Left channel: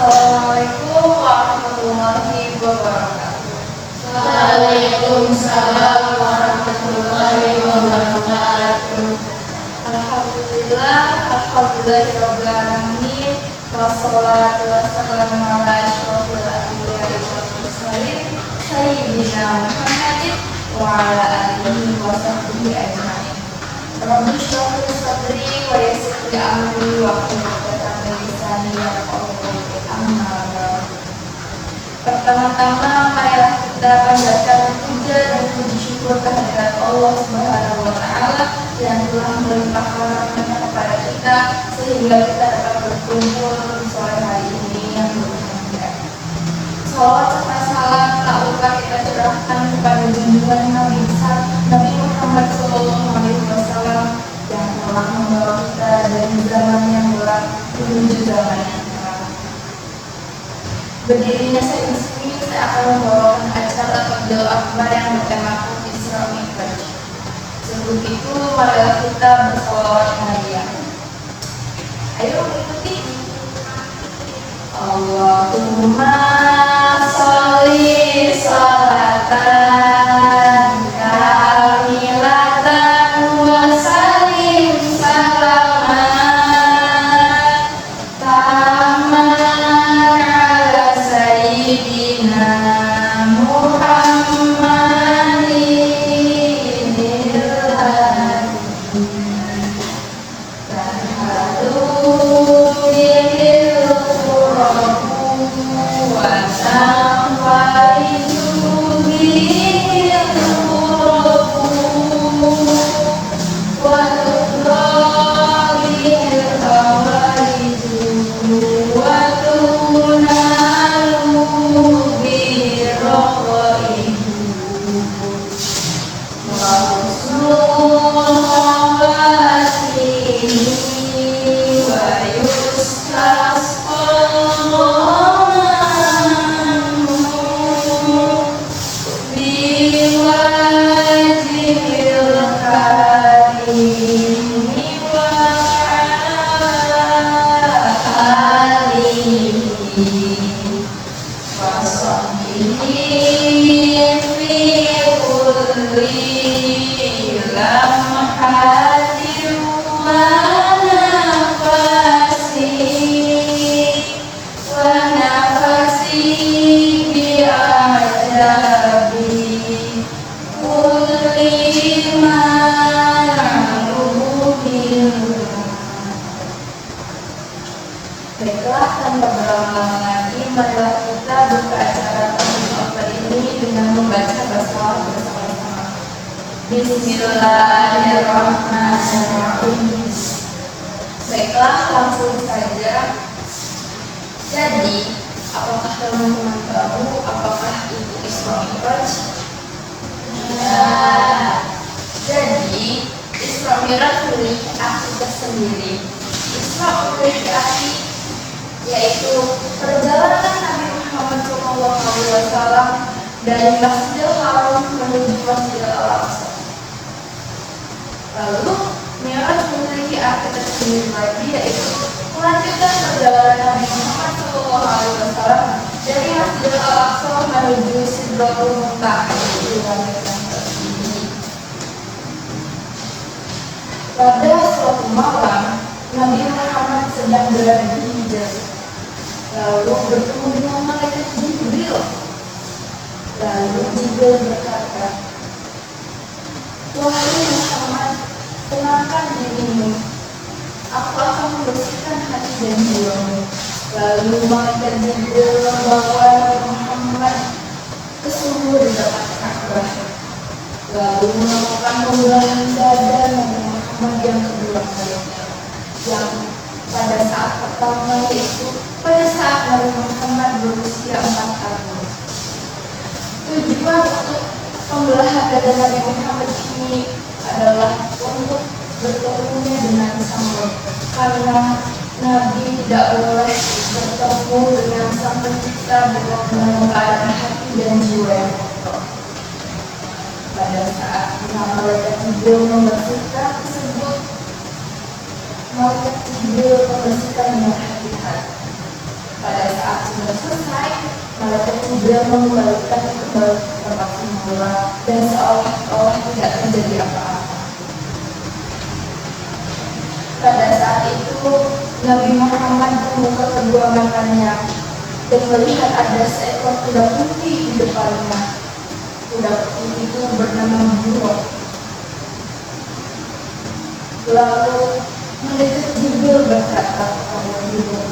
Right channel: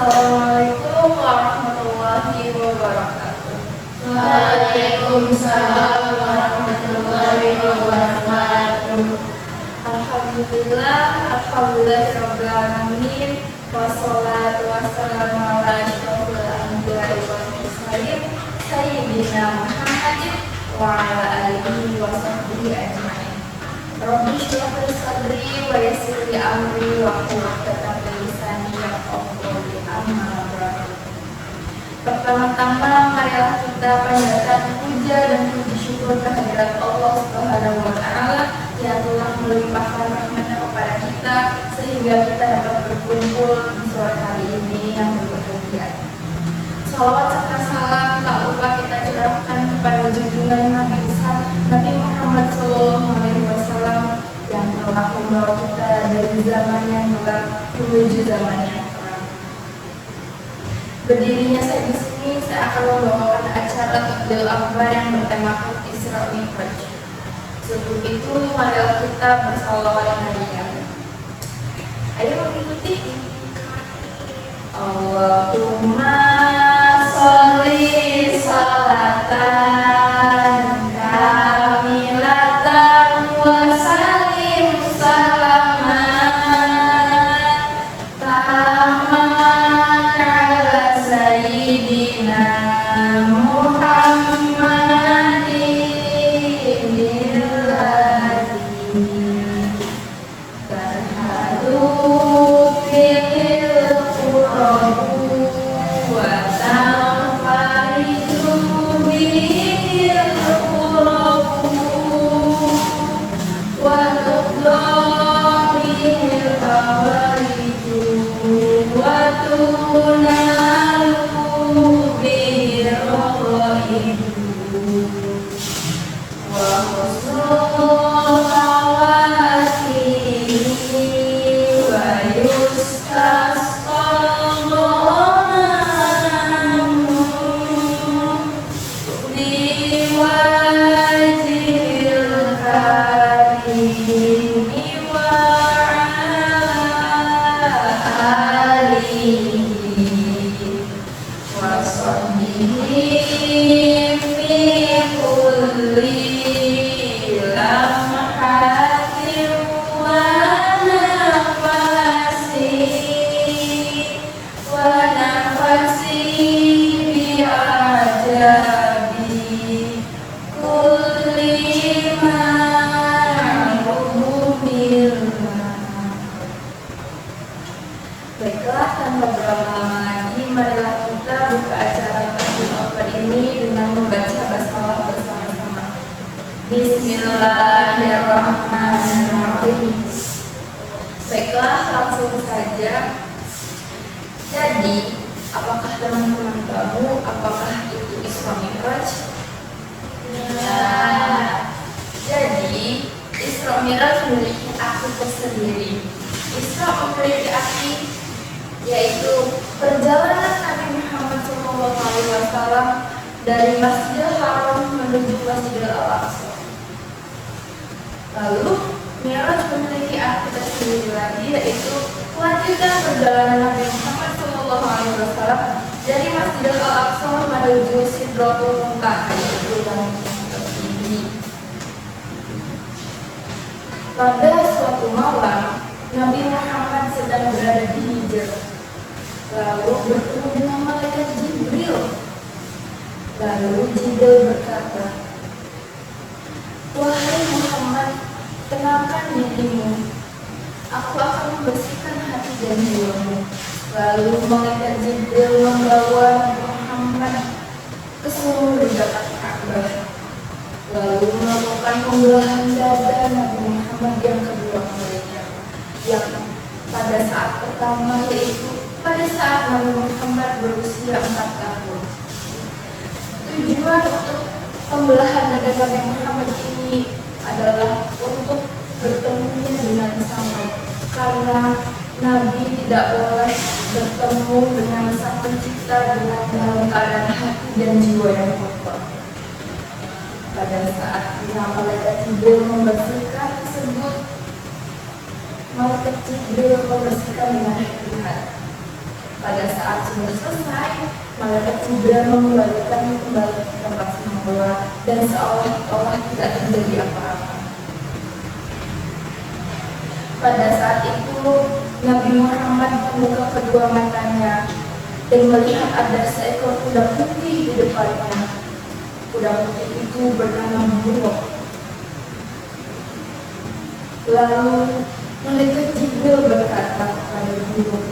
Assalamualaikum warahmatullahi wabarakatuh. Waalaikumsalam warahmatullahi wabarakatuh. Alhamdulillahirabbil alamin. Wassalatu wassalamu ala asyrofil anbiya'i wal mursalin sayyidina Muhammadin wa ala alihi wa sahbihi ajmain. Rabbi shrah li sadri wa yassir li amri wahlul 'uqdatam min lisani yafqahu qawli. Amma ba'd. Pertama-tama marilah kita panjatkan puja dan puji syukur kehadirat Allah Subhanahu wa taala yang telah melimpahkan rahmat-Nya kepada kita sehingga kita dapat berkumpul di sore hari ini yang berbahagia. Salawat serta salam tak lupa kita curahkan kepada junjungan Nabi besar Nabi Muhammad SAW yang telah membawa kita dari zaman yang gelap menuju zaman yang terang. Berdirinya saya di sini, saya akan membawakan acara Tabligh Akbar yang bertema Isra Mi'raj. Sebelum itu, marilah kita bersolawat harian. Ayo ikuti. Allahumma sholli sholatan kamilatan wa sallim salaman taman ala sayyidina Muhammadin Baiklah, tanpa berlama-lama lagi, marilah kita buka acara Tabligh Akbar ini dengan membaca basmalah bersama-sama. Bismillahirrahmanirrahim. Baiklah, langsung saja. Jadi, apakah teman-teman tahu apakah itu Isra Mi'raj? Jadi, Isra Mi'raj memiliki arti tersendiri. Isra memiliki arti yaitu perjalanan Nabi Muhammad SAW dari Masjidil Haram menuju Masjidil Al-Aqsa. Lalu Mi'raj memiliki arti tersendiri lagi, yaitu kelanjutan perjalanan Nabi Muhammad SAW dari Masjidil Al-Aqsa menuju Sidratul Muntaha, yaitu langit yang tertinggi. Pada suatu malam, Nabi Muhammad sedang berada di Hijr, lalu bertemu dengan malaikat Jibril. Lalu Jibril berkata, "Wahai Muhammad, tenangkan dirimu, aku akan membersihkan hati dan jiwamu." Lalu malaikat Jibril membawa Nabi Muhammad ke sumur di dekat Ka'bah, lalu menemukan pembelahan dada Nabi Muhammad yang kedua kalinya, yang pada saat pertama yaitu pada saat Nabi Muhammad berusia 4 tahun. Tujuan untuk pembelahan dada Nabi Muhammad ini adalah untuk bertemunya dengan Sang, karena Nabi tidak boleh bertemu dengan Sang Pencipta dengan dalam keadaan hati dan jiwa yang kotor. Pada saat malaikat Jibril membersihkan tersebut, malaikat Jibril membersihkannya hati. Pada saat sudah selesai, malaikat Jibril mengembalikan kembali ke tempat semula dan seolah-olah tidak terjadi apa-apa. Pada saat itu Nabi Muhammad membuka kedua matanya dan melihat ada seekor kuda putih di depannya. Kuda putih itu bernama Buraq. Lalu malaikat Jibril berkata kepada Buraq,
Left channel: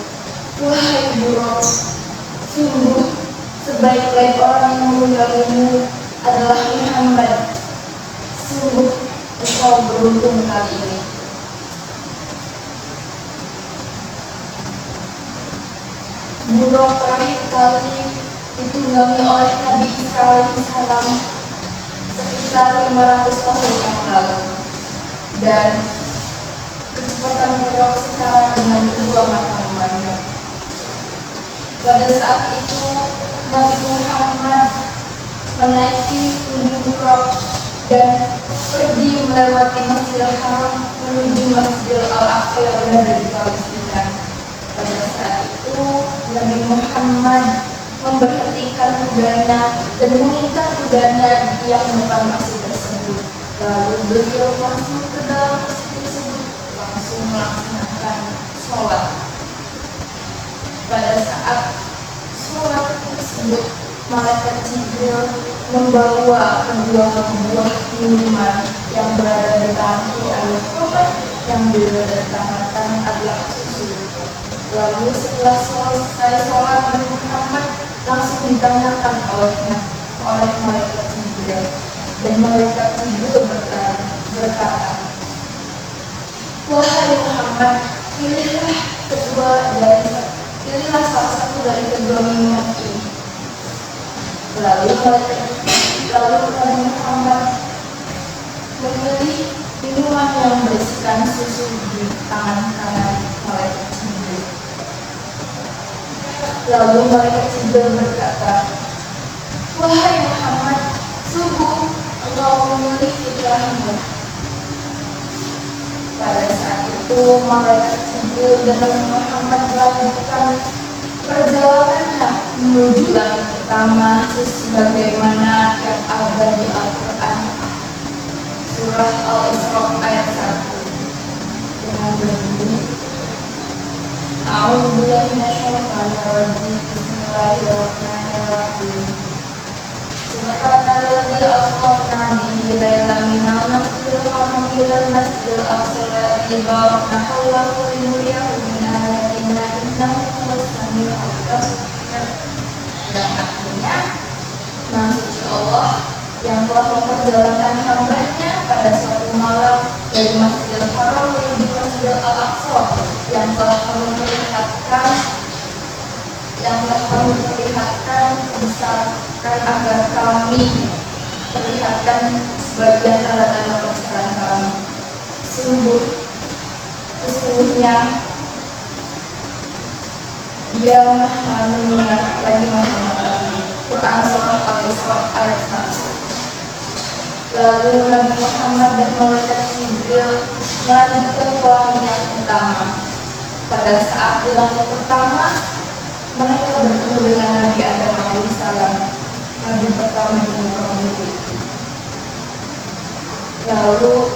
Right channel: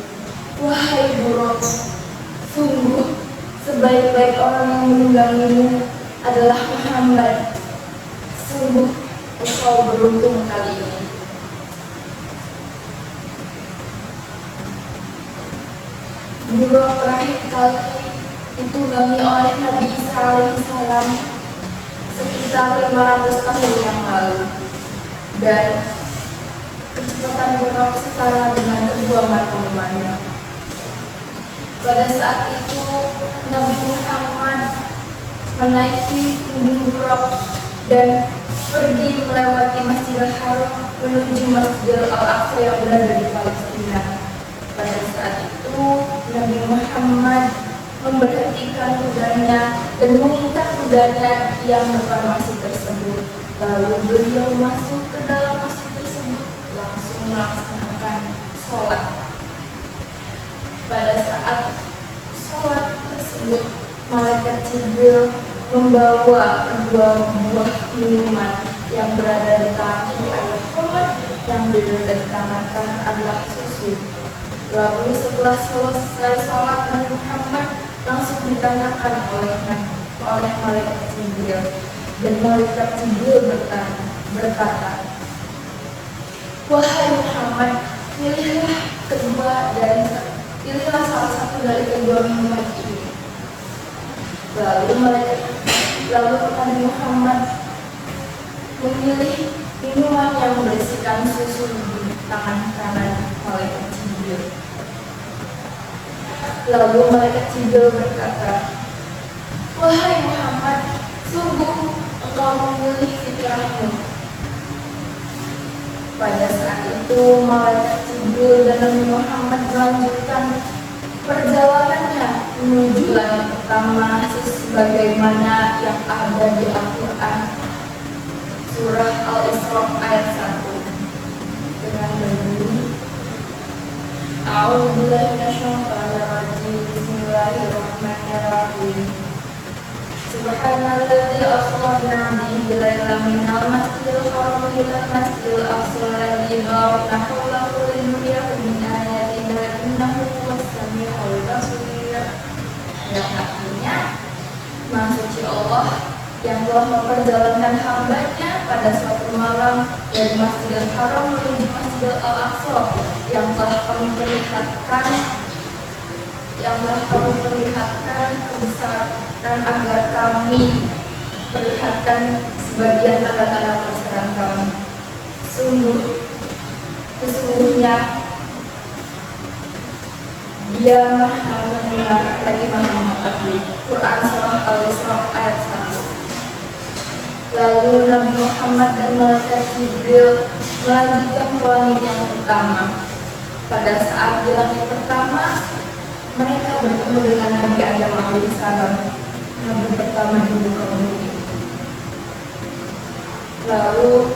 "Wahai Buraq, sungguh sebaik-baik orang yang menunggangimu adalah Muhammad. Sungguh engkau beruntung kali ini." Buraq terakhir kali ditunggangi oleh Nabi Isa alaihissalam sekitar 500 tahun yang lalu, dan kecepatan Buraq setara dengan kedua mata. Pada saat itu Nabi Muhammad menaiki punggung Buraq dan pergi melewati Masjidil Haram menuju Masjidil Al-Aqsa yang berada di Palestina. Pada saat itu Nabi Muhammad memberhentikan kudanya dan meminta kudanya yang depan masjid tersebut. Lalu beliau masuk ke dalam masjid tersebut, langsung melaksanakan sholat. Pada saat sholat tersebut, malaikat Jibril membawa kedua buah minuman yang berada di tangan kiri adalah Muhammad, yang berada di tangan kanan adalah susu. Lalu setelah selesai sholat, Nabi Muhammad langsung ditanyakan oleh malaikat Jibril, dan malaikat Jibril berkata, "Wahai Muhammad, pilihlah salah satu dari kedua minuman ini." Lalu kepada Muhammad memilih minuman yang berisikan susu di tangan kanan malaikat Jibril. Lalu malaikat Jibril berkata, "Wahai Muhammad, sungguh engkau memilih fitrahmu." Pada saat itu malaikat Jibril dan Nabi Muhammad melanjutkan perjalanannya menuju langit pertama sebagaimana yang ada di Al-Quran surah Al-Isra ayat 1 dengan berbunyi, "A'udzubillahi minasyaitonir rajim. Bismillahirrahmanirrahim. Subhanalladzi asra bihi lailan minal masjidil haram ilal masjidil aqsa alladzi barakna hawlahu linuriyahu min ayatina innahu huwas samiul basir." Yang artinya, Maha Suci Allah yang telah memperjalankan hambanya pada suatu malam dari Masjidil Haram menuju Masjidil Al-Aqsa, yang telah kami perlihatkan kebesaran agar kami perlihatkan sebagian tanda-tanda kebesaran kami. Sesungguhnya Dia Maha mendengar lagi Maha mengetahui. Quran surah Al-Isra ayat 1. Lalu Nabi Muhammad dan malaikat Jibril melanjutkan ke langit yang pertama. Pada saat di langit pertama, mereka bertemu dengan Nabi Adam alaihissalam, Nabi pertama di kaum itu. Lalu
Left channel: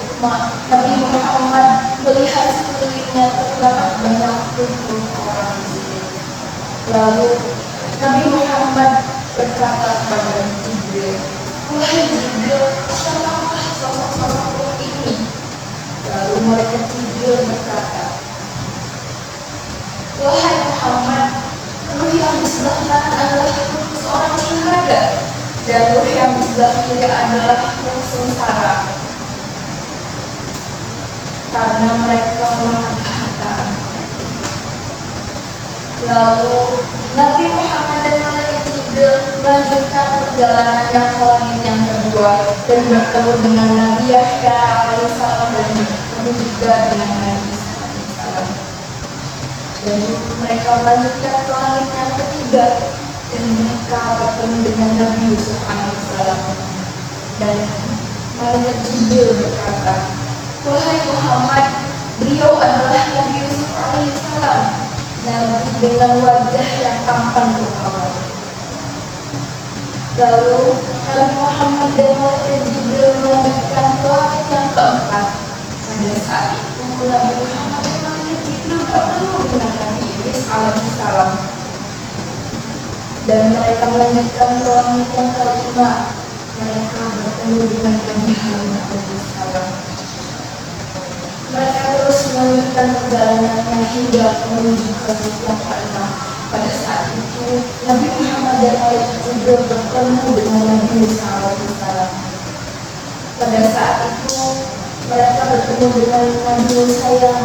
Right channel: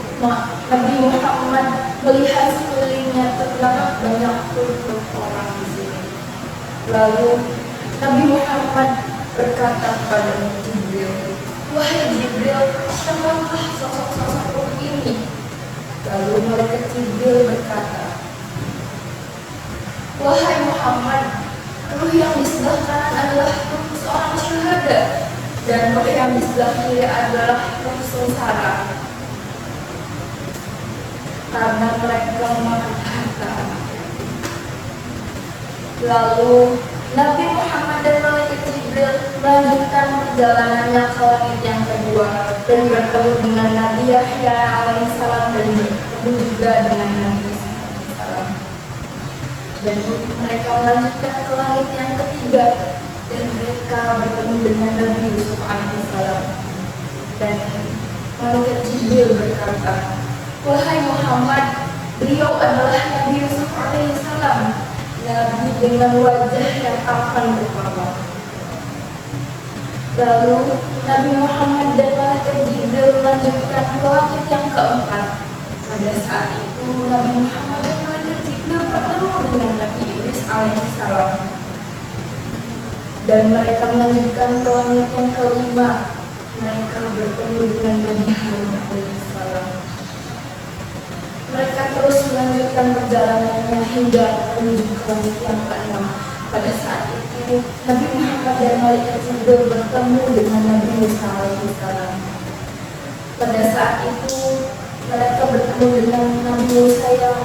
Nabi Muhammad melihat sekelilingnya terdapat banyak kumpul orang di situ. Lalu Nabi Muhammad berkata kepada Jibril, "Wahai Jibril, siapakah sosok ini?" Lalu malaikat Jibril berkata, "Wahai Muhammad, ruh yang di sebelah kanan adalah ruh seorang syuhada, dan ruh yang di sebelah kiri adalah ruh sengsara, karena mereka memakan harta." Lalu Nabi Muhammad dan malaikat Jibril melanjutkan perjalanannya ke langit yang kedua dan bertemu dengan Nabi Yahya alaihissalam dan bertemu juga dengan Nabi Isa alaihissalam. Dan mereka melanjutkan ke langit yang ketiga dan mereka bertemu dengan Nabi Yusuf alaihissalam. Dan malaikat Jibril berkata, "Wahai Muhammad, beliau adalah Nabi Yusuf alaihissalam, Nabi dengan wajah yang tampan rupawan. Lalu Nabi Muhammad dan malaikat Jibril melanjutkan langit yang keempat. Pada saat itu Nabi Muhammad dan malaikat Jibril bertemu dengan Nabi Idris alaihissalam, dan mereka melanjutkan ke langit yang kelima. Mereka bertemu dengan Nabi Harun alaihissalam. Mereka terus melanjutkan perjalanannya hingga menuju ke langit yang keenam. Pada saat itu Nabi Muhammad dan malaikat Jibril bertemu dengan Nabi Musa alaihissalam. Pada saat itu mereka bertemu dengan Nabi Musa yang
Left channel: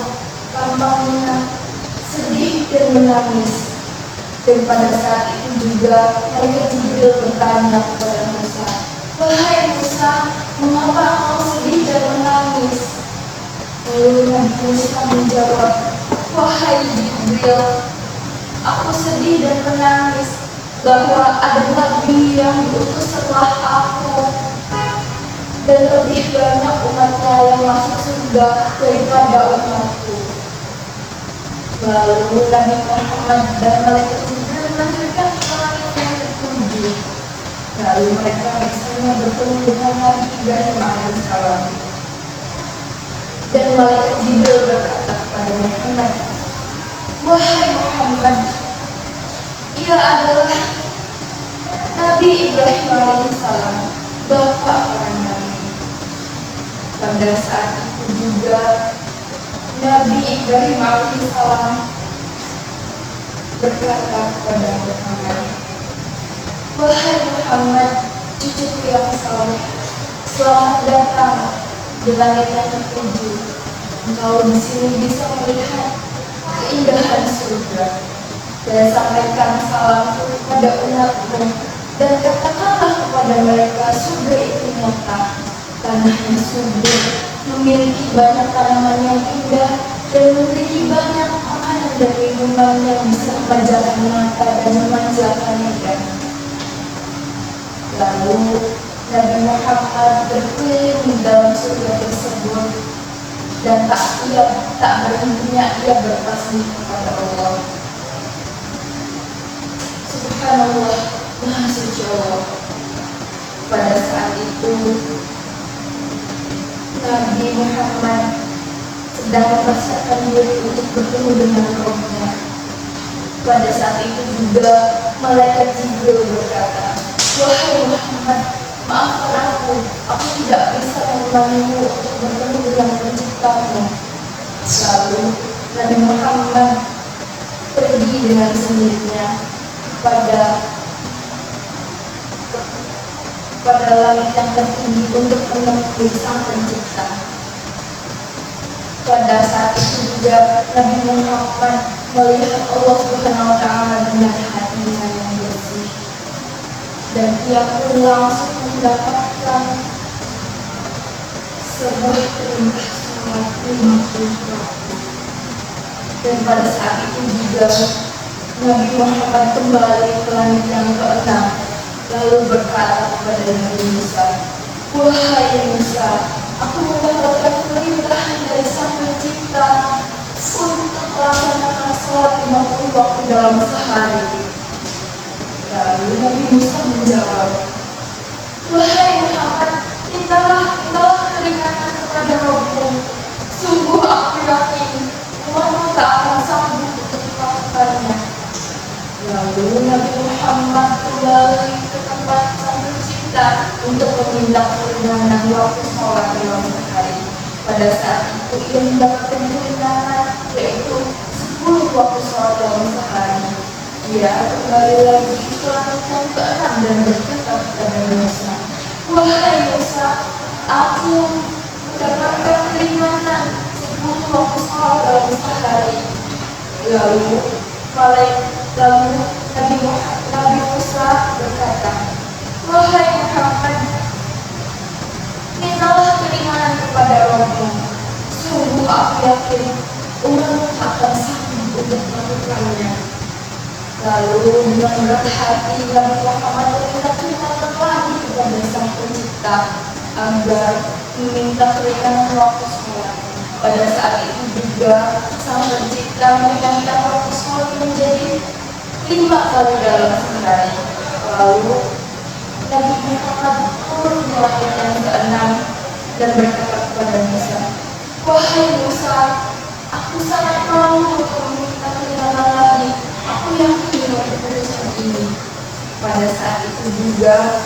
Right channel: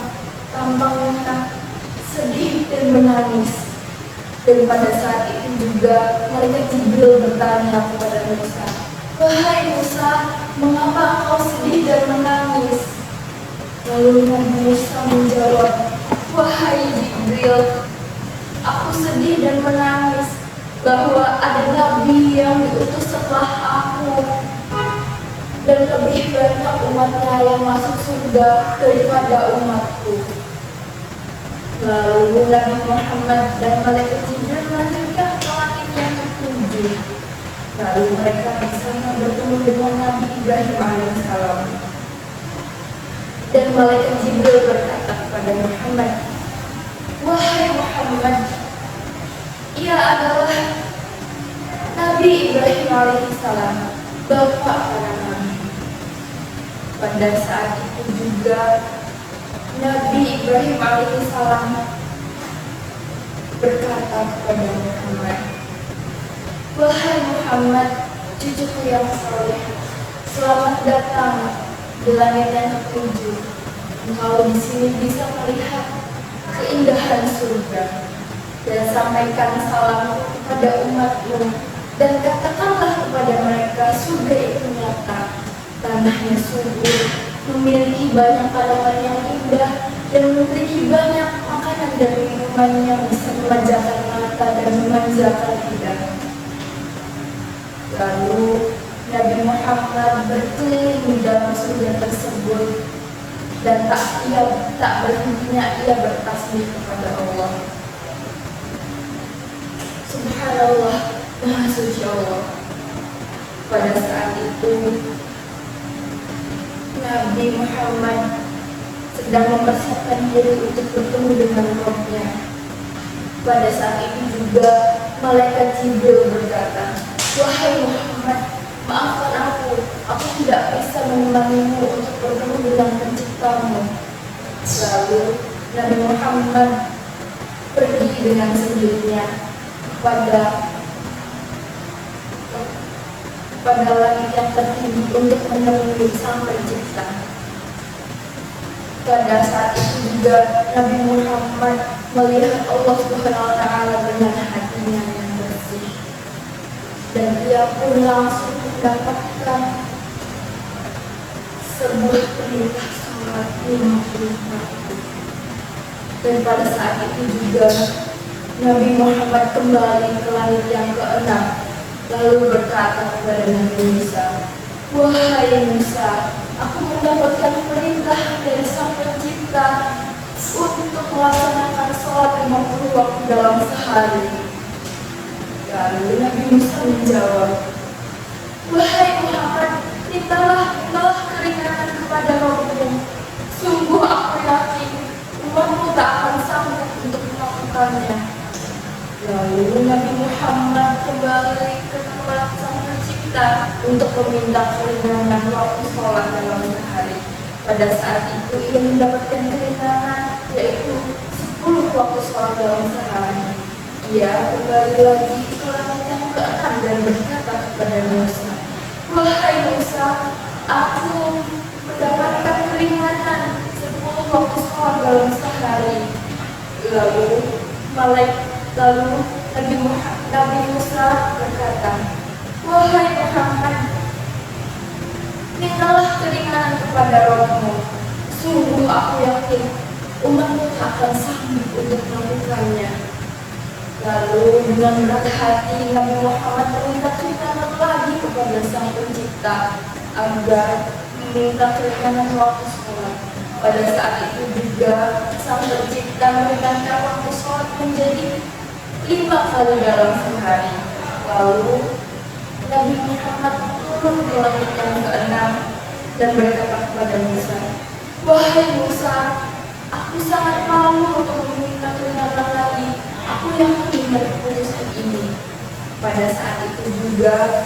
tampaknya sedih dan menangis. Dan pada saat itu juga malaikat Jibril bertanya kepada Musa, "Wahai Musa, mengapa kau sedih dan menangis?" Lalu Nabi Musa menjawab, "Wahai Jibril, aku sedih dan menangis bahwa ada Nabi yang diutus setelah aku, dan lebih banyak umatnya yang masuk surga daripada umatku." Lalu Nabi Muhammad dan malaikat Jibril melanjutkan ke langit yang ketujuh. Lalu mereka bersama bertemu dengan Nabi Ibrahim alaihissalam. Dan malaikat Jibril berkata kepada Muhammad, "Wahai Muhammad, ia adalah Nabi Ibrahim alaihissalam, bapak para nabi." Pada saat itu juga Nabi Ibrahim alaihissalam berkata kepada Muhammad, "Wahai Muhammad, cucuku yang saleh, selamat datang di langit yang ketujuh. Engkau di sini bisa melihat keindahan surga. Dan sampaikan salamku kepada umatmu, dan katakanlah kepada mereka, surga itu nyata, tanahnya subur, memiliki banyak tanaman yang indah, dan memiliki banyak makanan dan minuman yang bisa memanjakan mata dan memanjakan lidah." Lalu Nabi Muhammad berkeliling di dalam surga tersebut, dan tak berhentinya ia bertasbih kepada Allah. Subhanallah, Maha Suci Allah. Pada saat itu Nabi Muhammad sedang mempersiapkan diri untuk bertemu dengan Rabbnya. Pada saat itu juga malaikat Jibril berkata, "Wahai Muhammad, maafkan aku tidak bisa menemanimu untuk bertemu dengan penciptamu." Lalu Nabi Muhammad pergi dengan sendirinya pada langit yang tertinggi untuk menemui Sang Pencipta. Pada saat itu juga Nabi Muhammad melihat Allah Subhanahu wa Ta'ala dengan hatinya yang bersih, dan ia pun langsung mendapatkan sebuah perintah sholat 50 waktu. Dan pada saat itu juga Nabi Muhammad kembali ke langit yang keenam, lalu berkata kepada Nabi Musa, "Wahai Musa, aku mendapatkan perintah dari Sang Pencipta untuk melaksanakan sholat 50 waktu dalam sehari." Lalu Nabi Musa menjawab, "Wahai Muhammad, mintalah keringanan kepada Rabbmu. Sungguh aku yakin umatmu tak akan sanggup untuk melakukannya." Lalu Nabi Muhammad kembali ke tempat Sang Pencipta untuk meminta keringanan waktu sholat dalam sehari. Pada saat itu ia mendapatkan keringanan, yaitu 10 waktu sholat dalam sehari. Ia kembali lagi ke langit yang keenam dan berkata kepada Musa, "Wahai Musa, aku mendapatkan keringanan 10 waktu sholat dalam sehari." Lalu Nabi Musa berkata, "Wahai Muhammad, mintalah keringanan kepada Rabbmu. Sungguh aku yakin umatmu akan sanggup untuk melakukannya." Lalu dengan berat hati Nabi Muhammad meminta keringanan lagi kepada Sang Pencipta agar meminta keringanan waktu sholat. Pada saat itu juga Sang Pencipta menambah waktu sholat menjadi 5 kali dalam sehari. Lalu Nabi Muhammad turun ke langit yang keenam dan berkata kepada Musa, "Wahai Musa, aku sangat malu untuk meminta keterangan lagi. Aku yakin dengan keputusan ini." Pada saat itu juga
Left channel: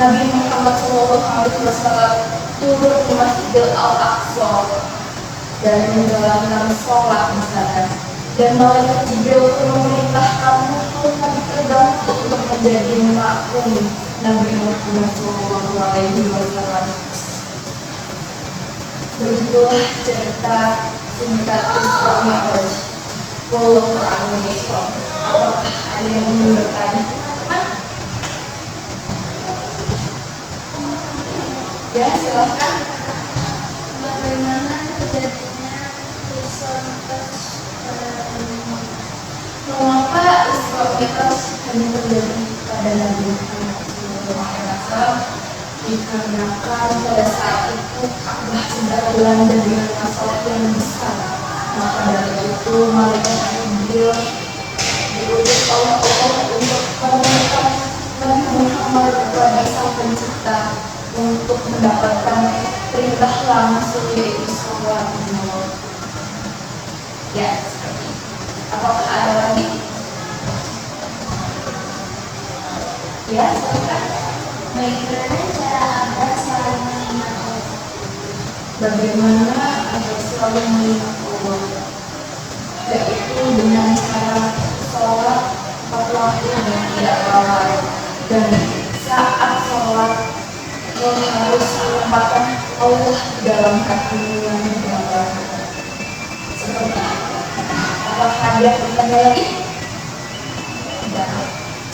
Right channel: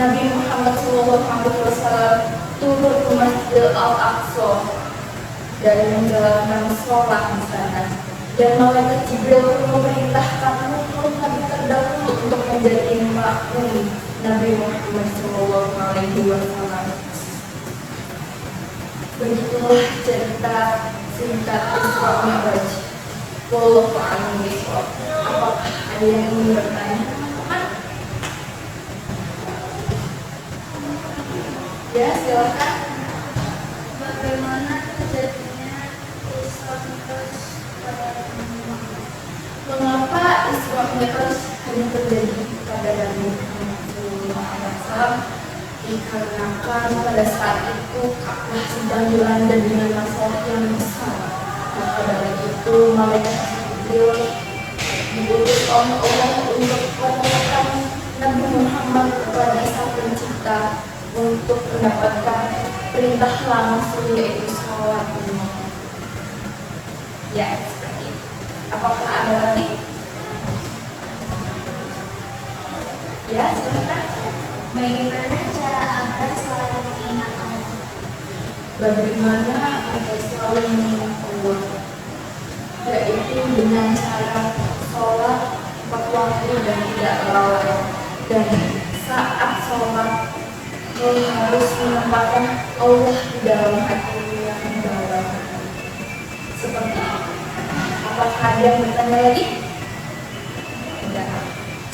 Nabi Muhammad SAW turun ke Masjidil Al-Aqsa dan menjalankan sholat di sana. Dan malaikat Jibril pun memerintahkan Nabi terdahulu untuk menjadi makmum Nabi Muhammad SAW. Begitulah cerita singkat Isra Mi'raj. Wallahu a'lam bishawab. Apakah ada yang ingin bertanya? Ya, silakan. Bagaimana terjadinya Isra Mi'raj pada umumnya? Mengapa Isra Mi'raj hanya terjadi pada Nabi Muhammad SAW? Dikarenakan pada saat itu Ka'bah sedang dilanda dengan masalah yang besar. Maka dari itu malaikat Jibril diutus oleh Allah untuk menemukan Nabi Muhammad kepada Sang Pencipta untuk mendapatkan perintah langsung, yaitu sholat Jumat. Ya, seperti itu. Apakah ada lagi? Ya, silakan. Bagaimana cara agar selalu mengingat Allah? Bagaimana agar selalu mengingat Allah? Yaitu dengan cara sholat tepat waktu dan tidak lalai. Dan saat sholat harus menempatkan Allah di dalam hati yang dalam. Seperti itu. Apakah ada yang bertanya lagi? Tidak.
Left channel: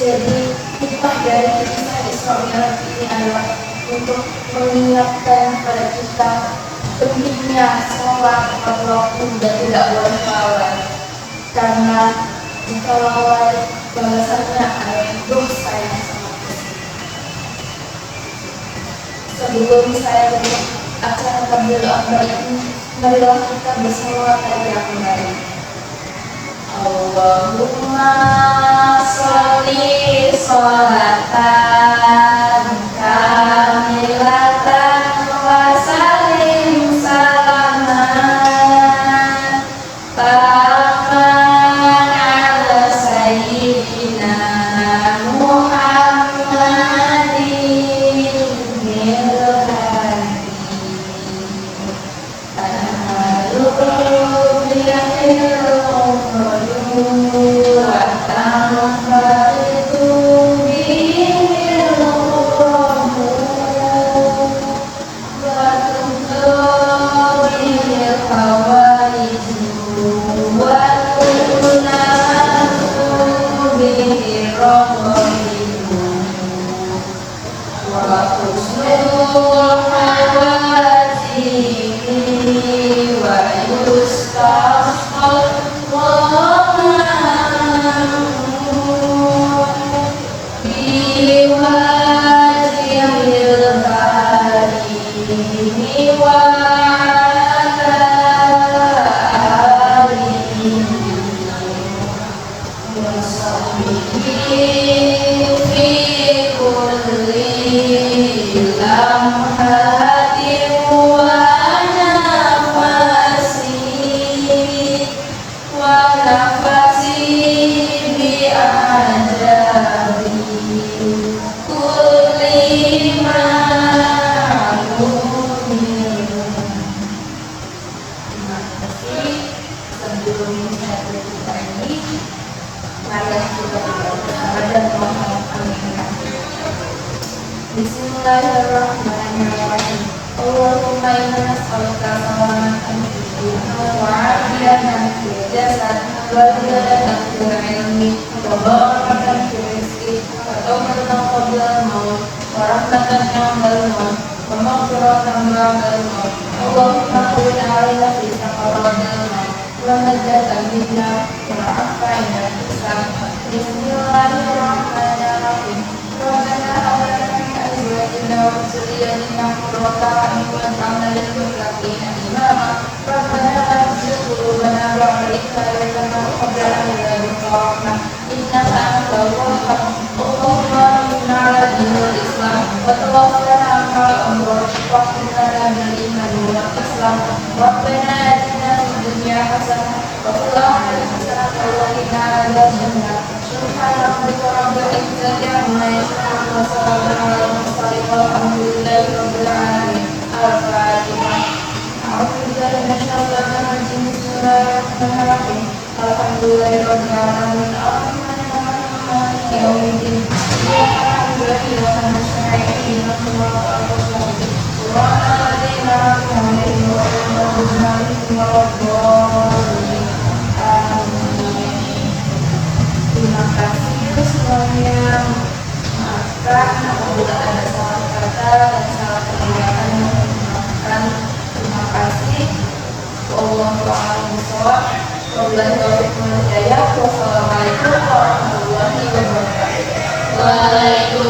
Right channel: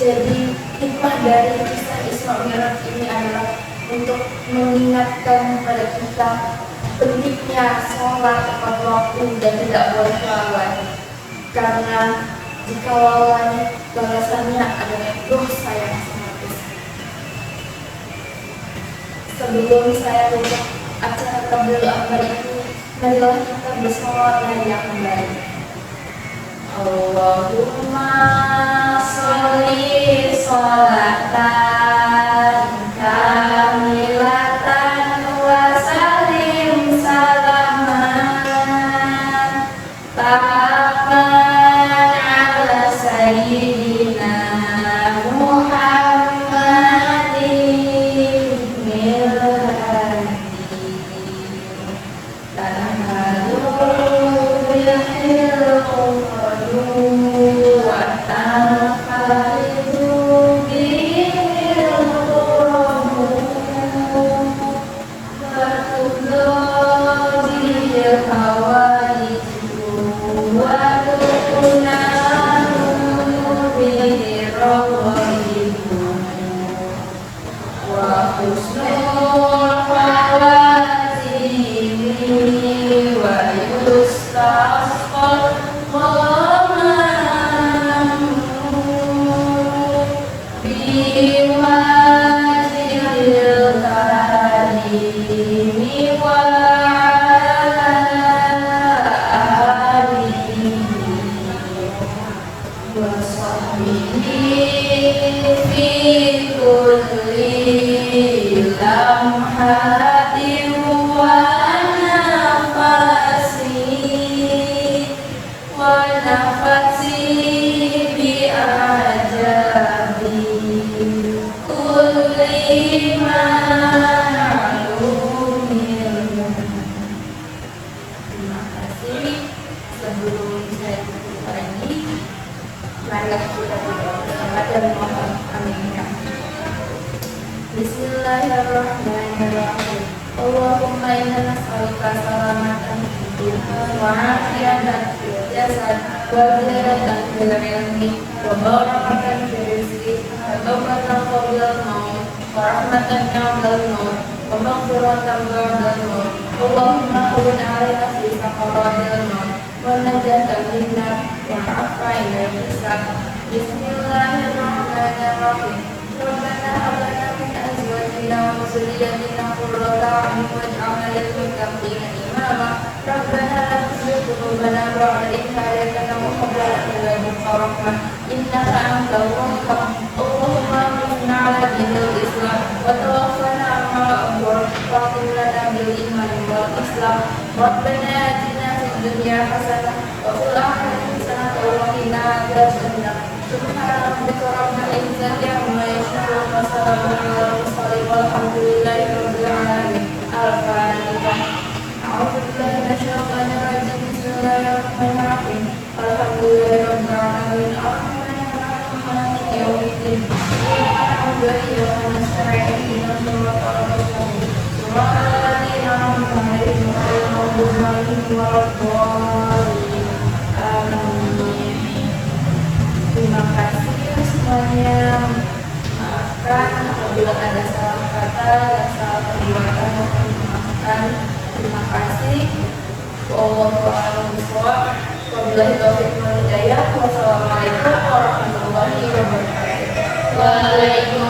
Jadi hikmah dari kisah Isra Mi'raj ini adalah untuk mengingatkan kepada kita pentingnya sholat tepat waktu dan tidak boleh lalai. Karena jika lalai, balasannya adalah dosa yang sangat besar. Sebelum saya tutup acara Tabligh Akbar ini, marilah kita bersolawat yang baik. Allahumma sholli sholatan kamilatan wa sallim salaman taman ala sayyidina Muhammadin milhadi tanhalu bilhil Bismillahirrahmanirrahim. Allahumma inna nas'aluka salamatan fid din wa 'afiyatan fil jasad wa ziyadatan fil ilmi wa barakatan fil rizqi wa tawbatan qabla al-maut wa rahmatan 'inda al-maut wa maghfiratan ba'da al-maut. Allahumma hawwin 'alaina fi sakaratil maut wa najatan minna wa 'afina hisab. Bismillahirrahmanirrahim. Rabbana hab lana min azwajina wa dhurriyyatina qurrata a'yun waj'alna lil muttaqina imama. Rabbana la tuzigh qulubana ba'da idh hadaytana wa hab lana min ladunka rahmah innaka الوهاب اللهم إنا على دين الإسلام وتوفنا على الأبرار واغفر لنا بالإيمان والإسلام ربنا آتنا في الدنيا حسنة وفي الآخرة حسنة وقنا عذاب النار سبحان ربك رب العزة عما يصفون وسلام على المرسلين والحمد لله رب العالمين. الفاتحة. أعوذ بالله من الشيطان الرجيم. بسم الله الرحمن الرحيم. الحمد لله رب العالمين الرحمن الرحيم مالك يوم الدين إياك نعبد وإياك نستعين اهدنا الصراط المستقيم صراط الذين أنعمت عليهم غير المغضوب عليهم ولا الضالين. Amin. Terima kasih semuanya. Maafkan apabila ada salah kata dan salah perbuatan yang kami maafkan. Terima kasih. Wallahu a'lam bishawab. Wabillahi taufiq wal hidayah. Wassalamualaikum warahmatullahi wabarakatuh. Waalaikumsalam.